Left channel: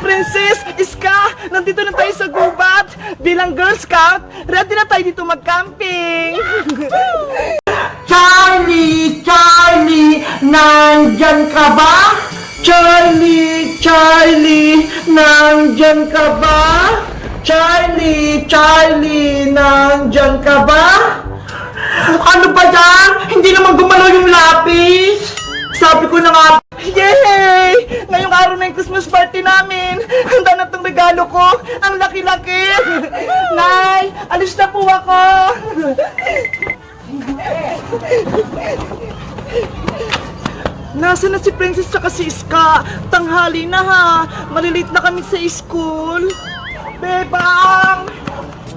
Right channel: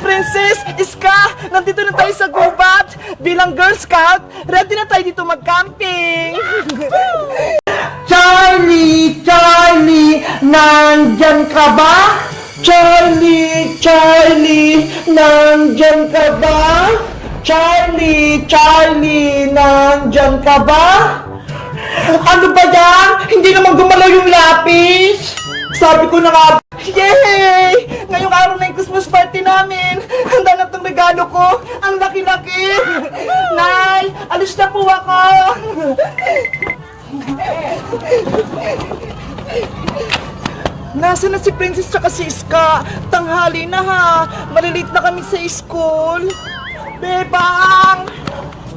Princess, Iska, nandito na tayo sa gubat. Bilang Girl Scout, ready na tayo dito mag-camping. Charlie! Charlie! Nandyan ka ba? Charlie! Charlie! Nandyan ka ba? Charlie! Charlie! Nandyan ka ba? Ano ba yan? Hindi naman gumalaw yung lapis! Sabi ko na nga. Yay! Ngayong araw na yung Christmas party namin. Handa na itong regalo ko. Ang laki-laki. Nay, alis na po ako. Nasaan na si Princess saka si Iska? Tanghali na ha. Malilate na kami sa school. Bebang!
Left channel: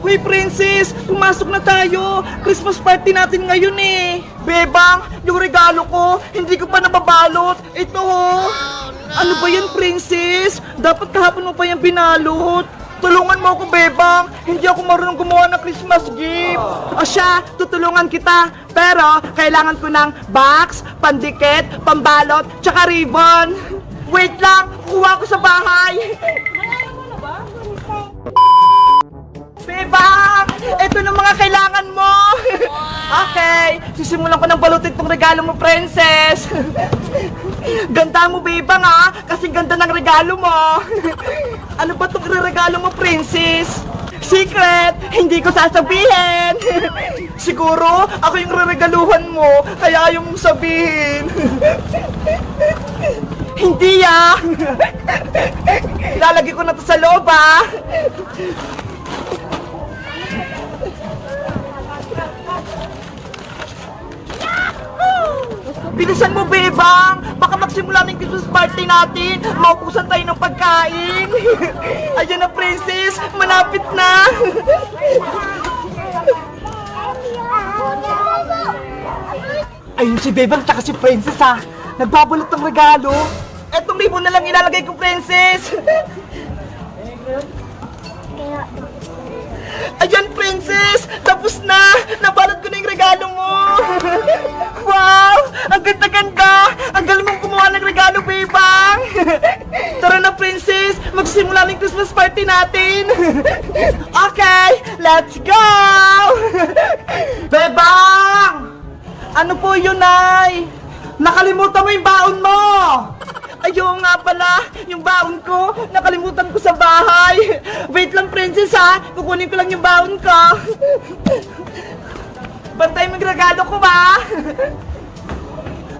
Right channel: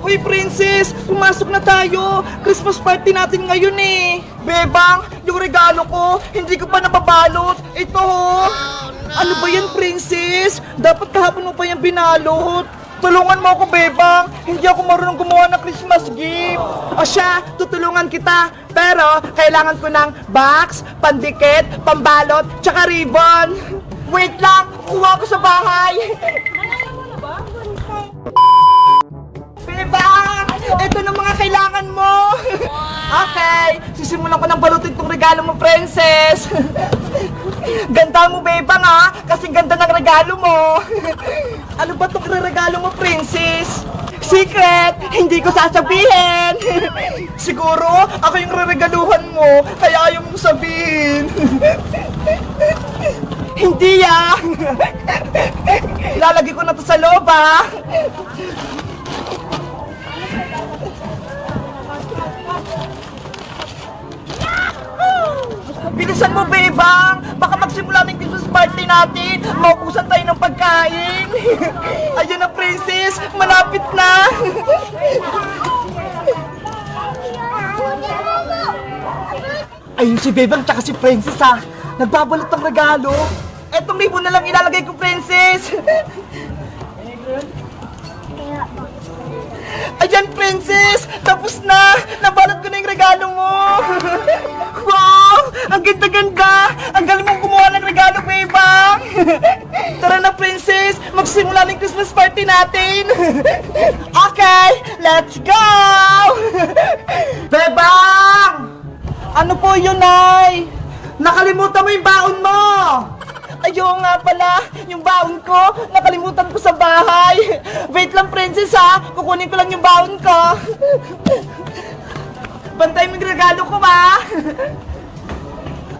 Uy, Princess! Pumasok na tayo! Christmas party natin ngayon eh! Bebang! Yung regalo ko, hindi ko pa nababalot! Ito ho! Ano ba yan, Princess? Dapat kahapon mo pa yan binalot! Tulungan mo ako, Bebang! Hindi ako marunong gumawa ng Christmas gift! O siya, tutulungan kita! Pero, kailangan ko ng box, pandikit, pambalot, tsaka ribbon! Wait lang! Kuha ko sa bahay! Bebang! Ito na mga kailangan mo! Okay, sisimulan ko ng balutin tong regalo mo, Princess! Ganda mo, Bebang, ha? Kasi ganda ng regalo mo! Ano ba itong regalo mo, Princess? Secret! Hindi ko sasabihin! Siguro, ako yung reregaluhan mo, kaya ayaw mong sabihin! Hindi, ah! Lalagay ko na to sa loob, ah! Bilisan mo, Bebang! Baka magsimula ng Christmas party natin! Maubusan tayo ng pagkain! Ayan na, Princess! Malapit na! Ayun si Bebang tsaka si Princess, ha! Nagbabalot ng regalo! Etong ribbon na lang ilalagay ko, Princess! Ayan, Princess! Tapos na! Nabalot ko na yung regalo mo! Wow! Ang ganda-ganda! Ang galing mong gumawa ng regalo, Bebang! Tara na, Princess! Magsimula ng Christmas party natin! Okay! Let's go! Bebang! Ano po yun, Nay? Nakalimutan mo yung baon mo! Ayaw nga pala, yung baon ko, nakalimutan ko sa bahay. Wait lang, Princess, ha? Kukunin ko lang yung baon ko. Bantay mo yung regalo ko, ba?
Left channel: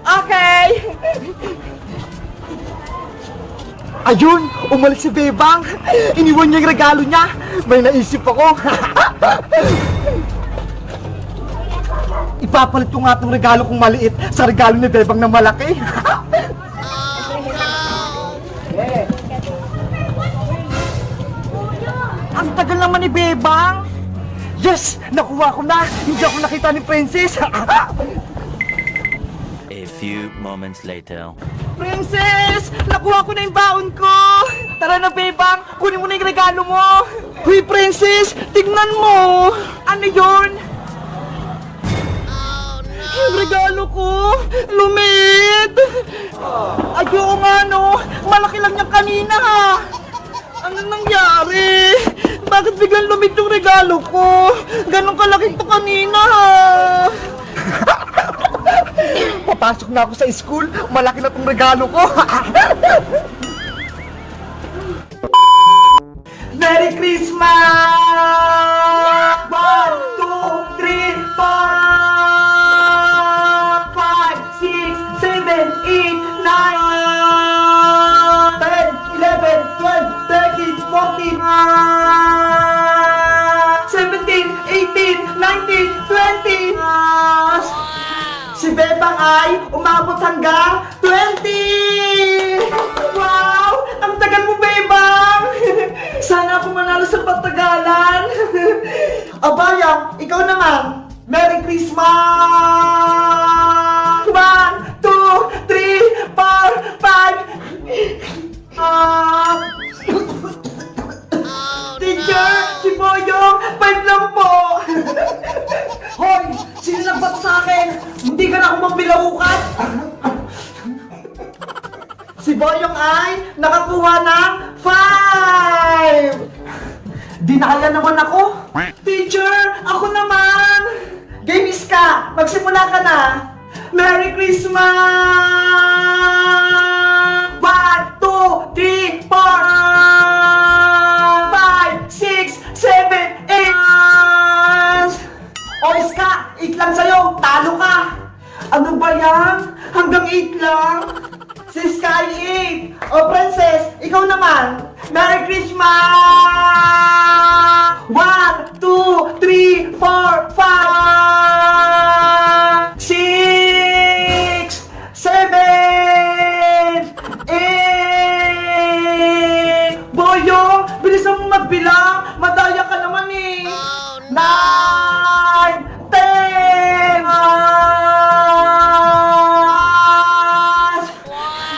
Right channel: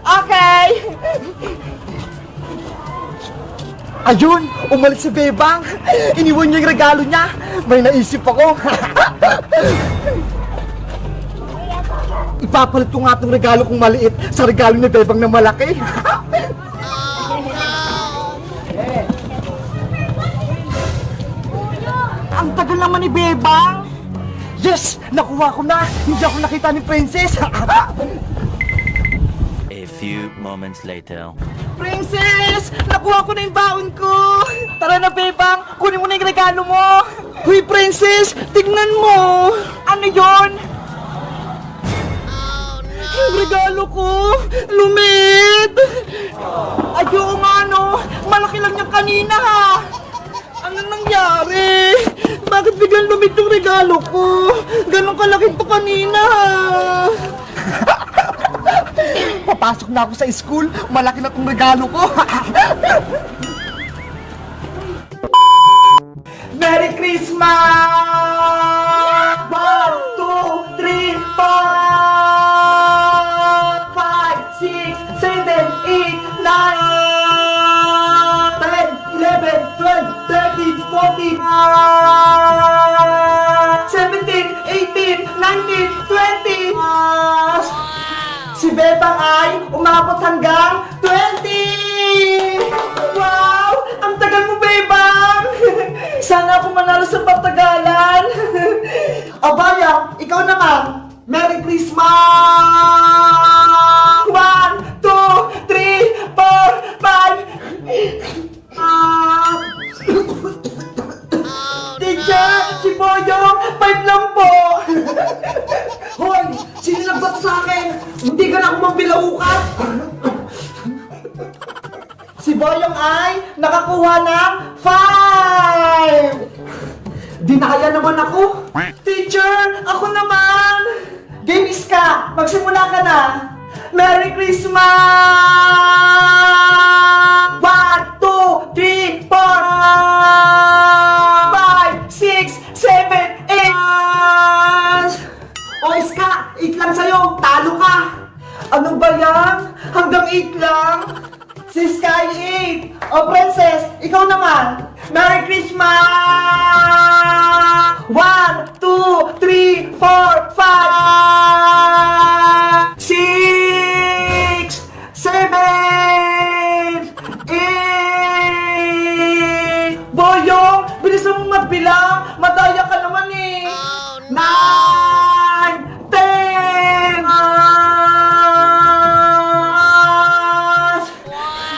Okay. Ayun, umalis si Bebang. Iniwan niya yung regalo niya. May naisip ako. Ipapalit ko nga itong regalo kong maliit sa regalo ni Bebang na malaki. Ang tagal naman ni Bebang. Yes! Nakuha ko na! Hindi ako nakita ni Princess! A few moments later. Princess! Nakuha ko na yung baon ko! Tara na, Bebang! Kunin mo na yung regalo mo! Huy, Princess! Tignan mo! Ano yon? Yung regalo ko! Lumit! Ayaw nga, no! Malaki lang yung kanina, ha! Ano nangyari? Bakit biglang lumit yung regalo ko? Ganon kalaki to kanina, ha? Papasok na ako sa school, malaki na tong regalo ko. Merry Christmas! 1, 2, 3, 4, 5, 6, 7, 8, 9, 10, 11, 12, 13, 14, 17, 18, 19, 20. Si Bebang ay umabot hanggang 20! Wow! Ang tagal mo, Bebang! Sana ako manalo sa patagalan! Abaya, ikaw naman! Merry Christmas! 1, 2, 3, 4, 5! Teacher! Si Boyong! 5 lang po! Hoy! Sino nagbat sa akin? Hindi ka na ako mambilaukat! Si Boyong ay nakakuha ng 5! Dinaya naman ako. Teacher, ako naman. Game Iska, magsimula ka na. Merry Christmas! 1, 2, 3, 4, 5, 6, 7, 8! O Iska, 8 lang sa'yo. Talo ka. Ano ba yan? Hanggang 8 lang? Si Sky 8. O Princess, ikaw naman. Merry Christmas! 1, 2, 3, 4, 5, 6, 7, 8! Boyong, bilisan mo magbilang. Madaya ka naman eh. 9, 10,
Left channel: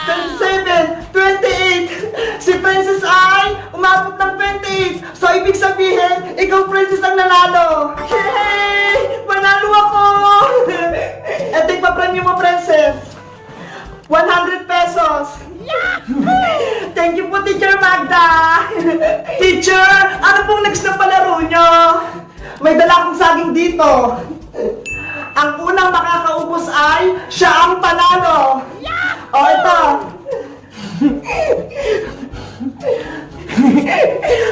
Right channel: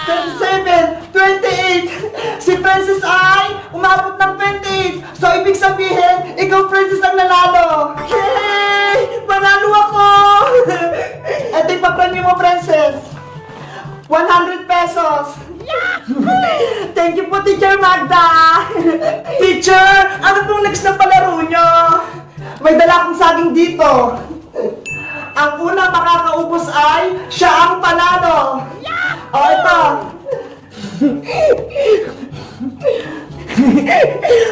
27, 28. Si Princess ay umabot ng 28. So, ibig sabihin, ikaw, Princess, ang nanalo. Yay! Manalo ako! Eto yung papremyo mo, Princess. 100 pesos. Thank you po, Teacher Magda. Teacher, ano pong next na palaro nyo? May dala akong saging dito. Ang unang makakaubos ay siya ang panalo. O, ito.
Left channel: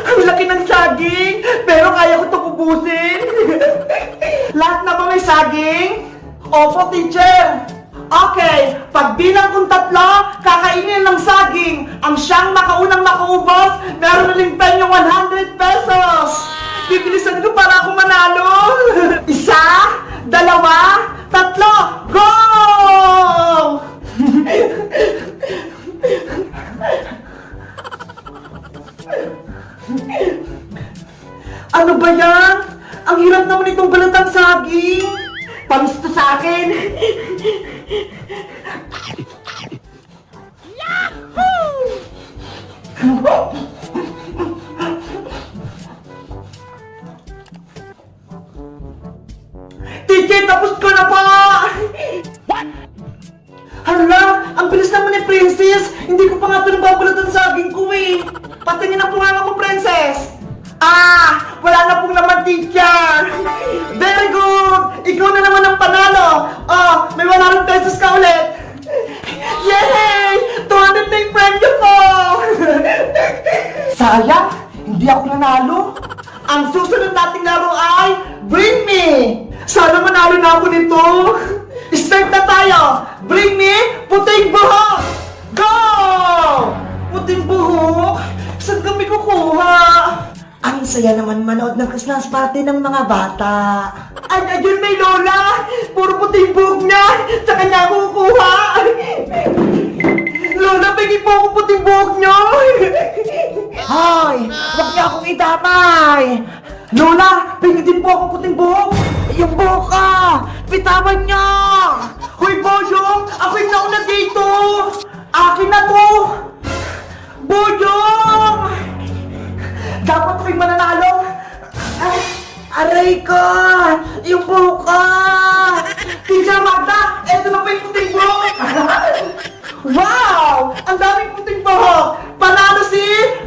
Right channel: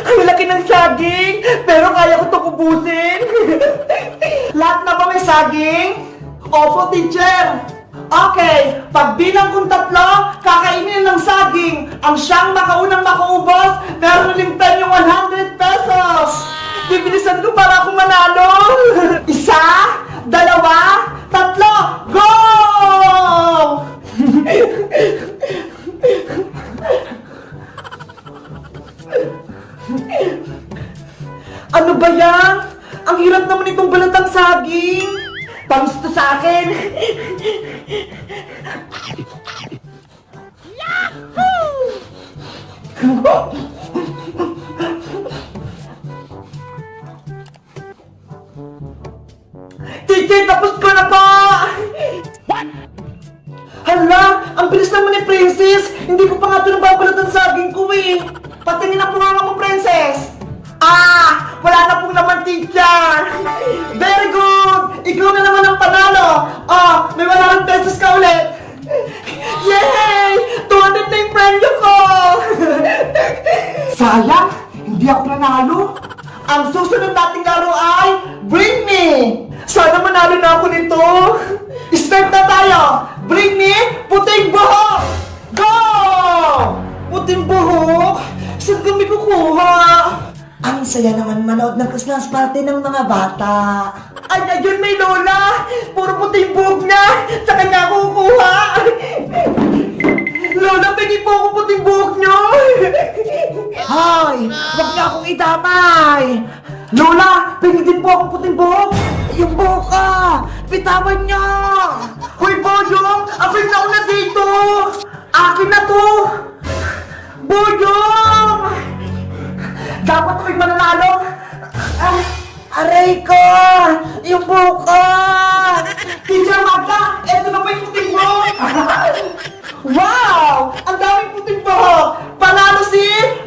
Ang laki ng saging, pero kaya ko itong ubusin. Lahat na ba may saging? Opo, teacher. Okay, pagbilang kong 3, kakainin ng saging. Ang siyang makaunang makaubos, meron na rin yung 100 pesos. Bibilisan ko para ako manalo. 1, 2, 3, go! Ano ba yan? Ang hirap naman itong balatang saging. Pamis to sa akin. Titi, tapos ko na po! What? Hala, ang bilis naman ni Princess. Hindi ko pa nga ito nababalat ang saging ko eh. Patingin ang punganga mo, Princess. Ah, wala na pong naman, teacher. Very good. Ikaw na naman ang panalo. Oh, may 100 pesos ka ulit. Yay! 200 na yung premyo ko. Sayang, hindi ako nanalo. Ang susunod nating laro ay Bring Me. Sana manalo na ako nito. Start na tayo. Bring me puting buhok. Go! Puting buhok? Saan kami kukuha? Ang saya naman manood ng Christmas party ng mga bata. Ay, ayun may lola! Puro puting buhok na! Sa kanya ako kukuha! Lola, pwede po ako puting buhok nyo! Hoy! Huwag niya akong idamay! Lola, pwede din po akong puting buhok! Yung buhok ka! Bitawan niya! Hoy, Boyong! Ako yung nauna dito! Akin na to! Boyong! Dapat ako'y mananalo! Ah, aray ko! Yung buhok ko! Teacher Magda! Eto na pa yung puting buhok! Wow! Ang daming puting buhok! Panalo si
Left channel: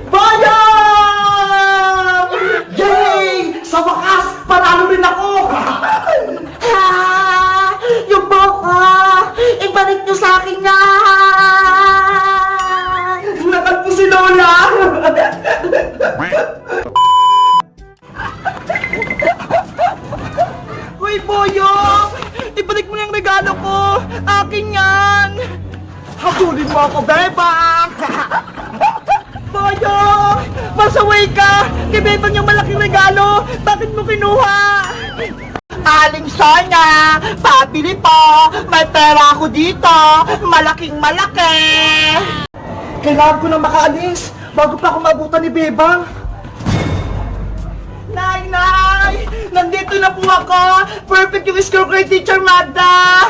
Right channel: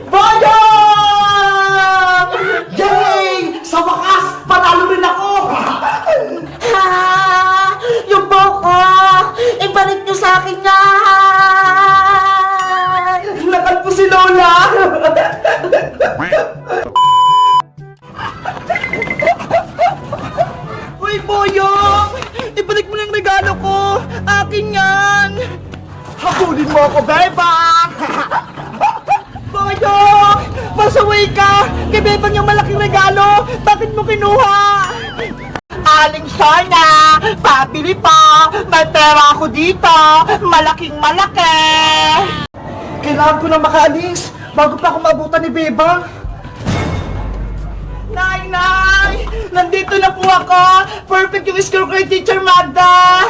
Boyong! Yay! Sa wakas, panalo rin ako! Ah, yung buhok ko! Ibalik niyo sa akin yan! Nakalpo si Lola! Uy, Boyong! Ibalik mo yung regalo ko! Akin yan! Habulin mo ako, Bebang! Boyong! Masaway ka! Kay Bebang yung malaking regalo! Bakit mo kinuha? Aling sana! Pabili pa! May pera ako dito! Malaking malaki! Kailangan ko na makaalis bago pa ako maabutan ni Bebang. Nay! Nay! Nandito na po ako! Perfect yung score ko kay Teacher Magda!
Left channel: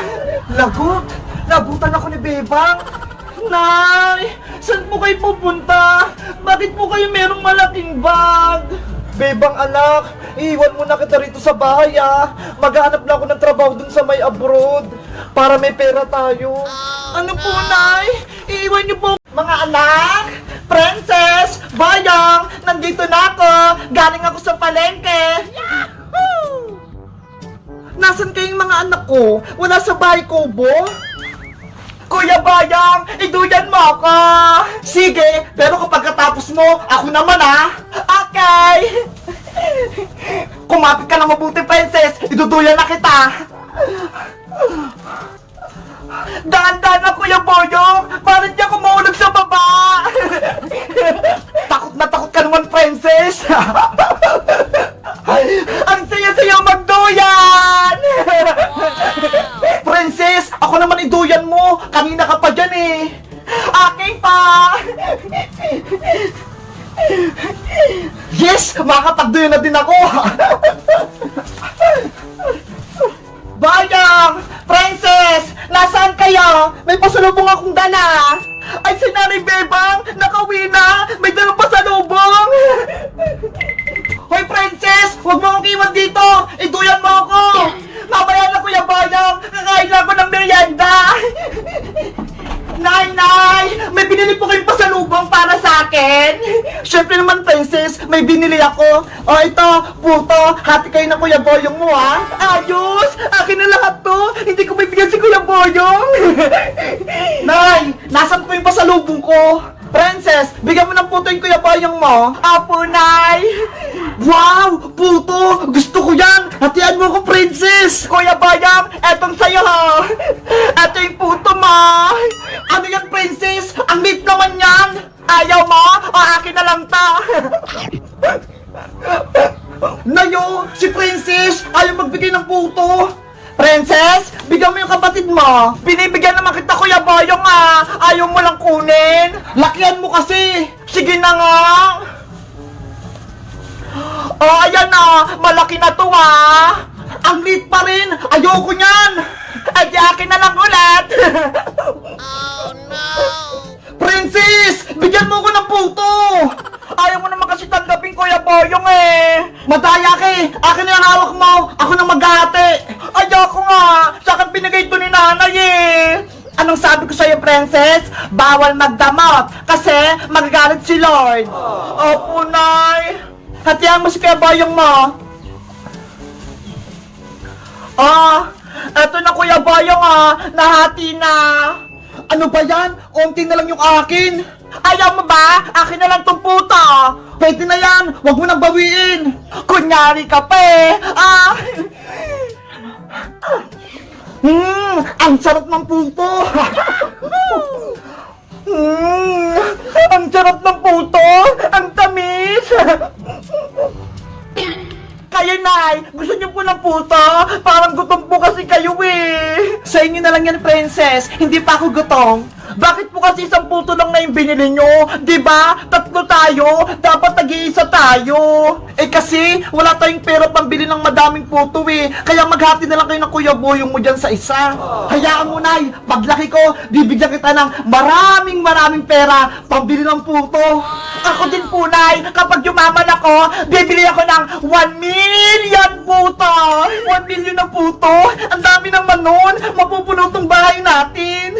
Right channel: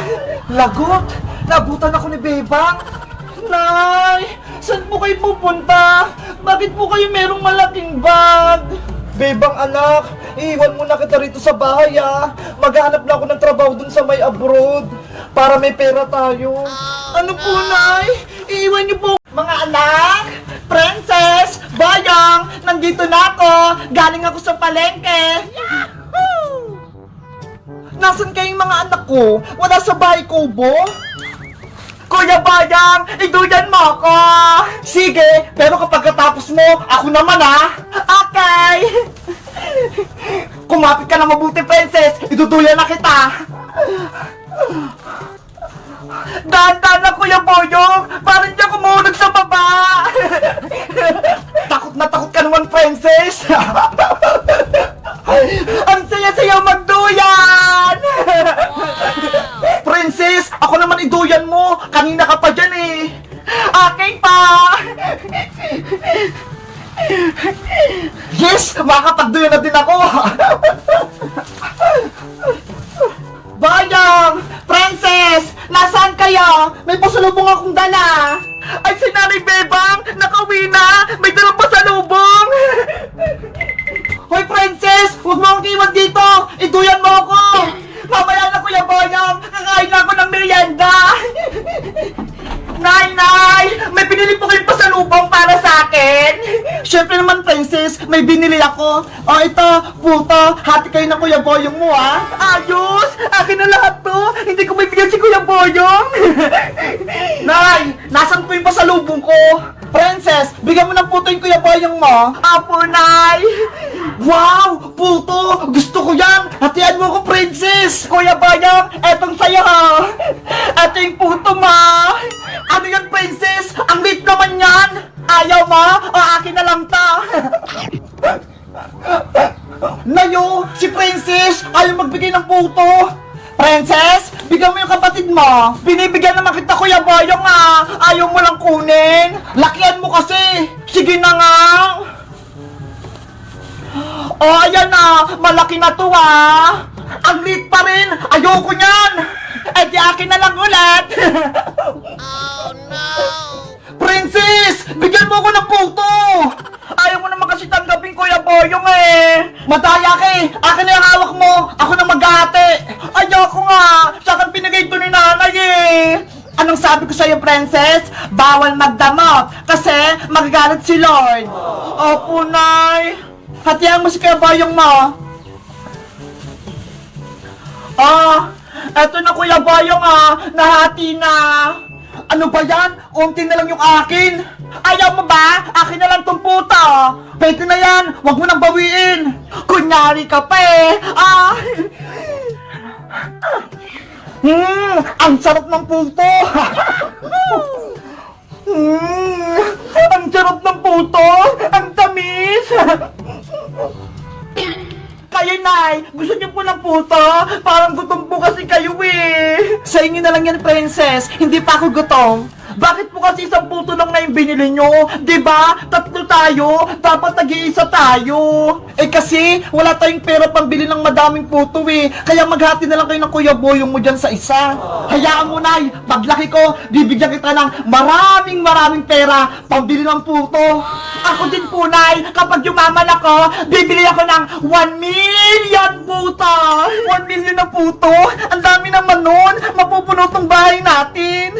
Lagot! Nabutan ako ni Bebang! Nay! Saan po kayo pupunta? Bakit po kayo merong malaking bag? Bebang anak, iiwan mo na kita rito sa bahay ah. Maghanap na ako ng trabaho dun sa may abroad para may pera tayo. Ano po, Nay? Iiwan niyo po. Mga anak, princess, bayang, nandito na ako. Galing ako sa palengke. Yahoo! Nasaan kayong mga anak ko? Wala sa bahay ko, Bo? Kuya Bayang, iduyan mo ako! Sige, pero kapag katapos mo, ako naman ha! Okay! Kumapit ka na mabuti, princess! Iduduyan na kita! Dahan-dahan na, Kuya Boyong! Parang di ako mahulog sa baba! Takot na takot ka naman, princess! Ang saya-saya magduyan! Princess, ako naman iduyan mo. Kanina ka pa dyan eh. Okay pa. Yes, makakapagduyan na din ako. Bayang! Princess! Nasaan kayo? May pasalubong akong dala. Ay, si Nanay Bebang! Nakauwi na! May dalang pasalubong! Hoy, Princess! Huwag mo akong iwan dito! Iduyan mo ako! Mamaya na, Kuya Bayang! Kakain na ako ng merienda! Nay! May binili po kayong pasalubong para sa akin! Siyempre naman, Princess, may binili ako. O, ito, puto, hati kayo na Kuya Boyong mo, ha? Ayos! Akin na lahat to! Hindi ko bibigyan si Kuya Boyong! Nay! Nasaan po yung pasalubong ko? Princess, bigyan mo ng puto yung Kuya Boyong mo. Apo, Nay! Wow! Puto! Gusto ko yan! Hatian mo ko, Princess! Kuya Bayang, etong sa'yo, ha! Eto yung puto, ma! Ano yan, Princess? Ang liit naman yan! Ayaw mo? O akin na lang to! Nayo! Si Princess! Ayaw magbigay ng puto! Princess, bigyan mo yung kapatid mo. Binibigyan naman kita, Kuya Boyong, ah. Ayaw mo lang kunin. Lakihan mo kasi. Sige na nga. Oh, ayan na. Malaki na to, ah. Ang liit pa rin. Ayoko niyan. Eh, di akin na lang ulit. Oh, no. Princess, bigyan mo ko ng puto. Ayaw mo naman kasi tanggapin, Kuya Boyong, eh. Madaya ka eh. Akin na yung hawak mo. Ako na mag-ate. Ayoko nga. Sa akin pinigay ito ni nanay, eh. Anong sabi ko sa'yo, Princess? Bawal magdamot kasi magagalit si Lord. Opo, Nay. Hatihan mo si Kuya Boyong mo. Eto na, Kuya Boyong, ah. Nahati na. Ano ba yan? Unti na lang yung akin. Ayaw mo ba? Akin na lang tong puto. Pwede na yan. Huwag mo nang bawiin. Kunyari ka pa eh. Ang sarap ng puto. Ang sarap ng puto. Ang tamis. Kayo, Nay, gusto niyo po ng puto? Parang gutom po kasi kayo eh. Sa inyo na lang yan, Princess. Hindi pa ako gutom. Bakit po kasi isang puto lang na yung binili nyo? Diba? Tatlo tayo. Dapat nag-iisa tayo. Eh kasi, wala tayong pera pambili ng madaming puto eh. Kaya maghati na lang kayo ng Kuya Boyong mo dyan sa isa. Hayaan mo, Nay. Paglaki ko, bibigyan kita ng maraming pera pambili ng puto. Ako din po, Nay. Kapag yumaman ako, bibili ako ng 1 million puto. 1 million na puto? Ang dami naman nun. Mapupuno tong bahay natin.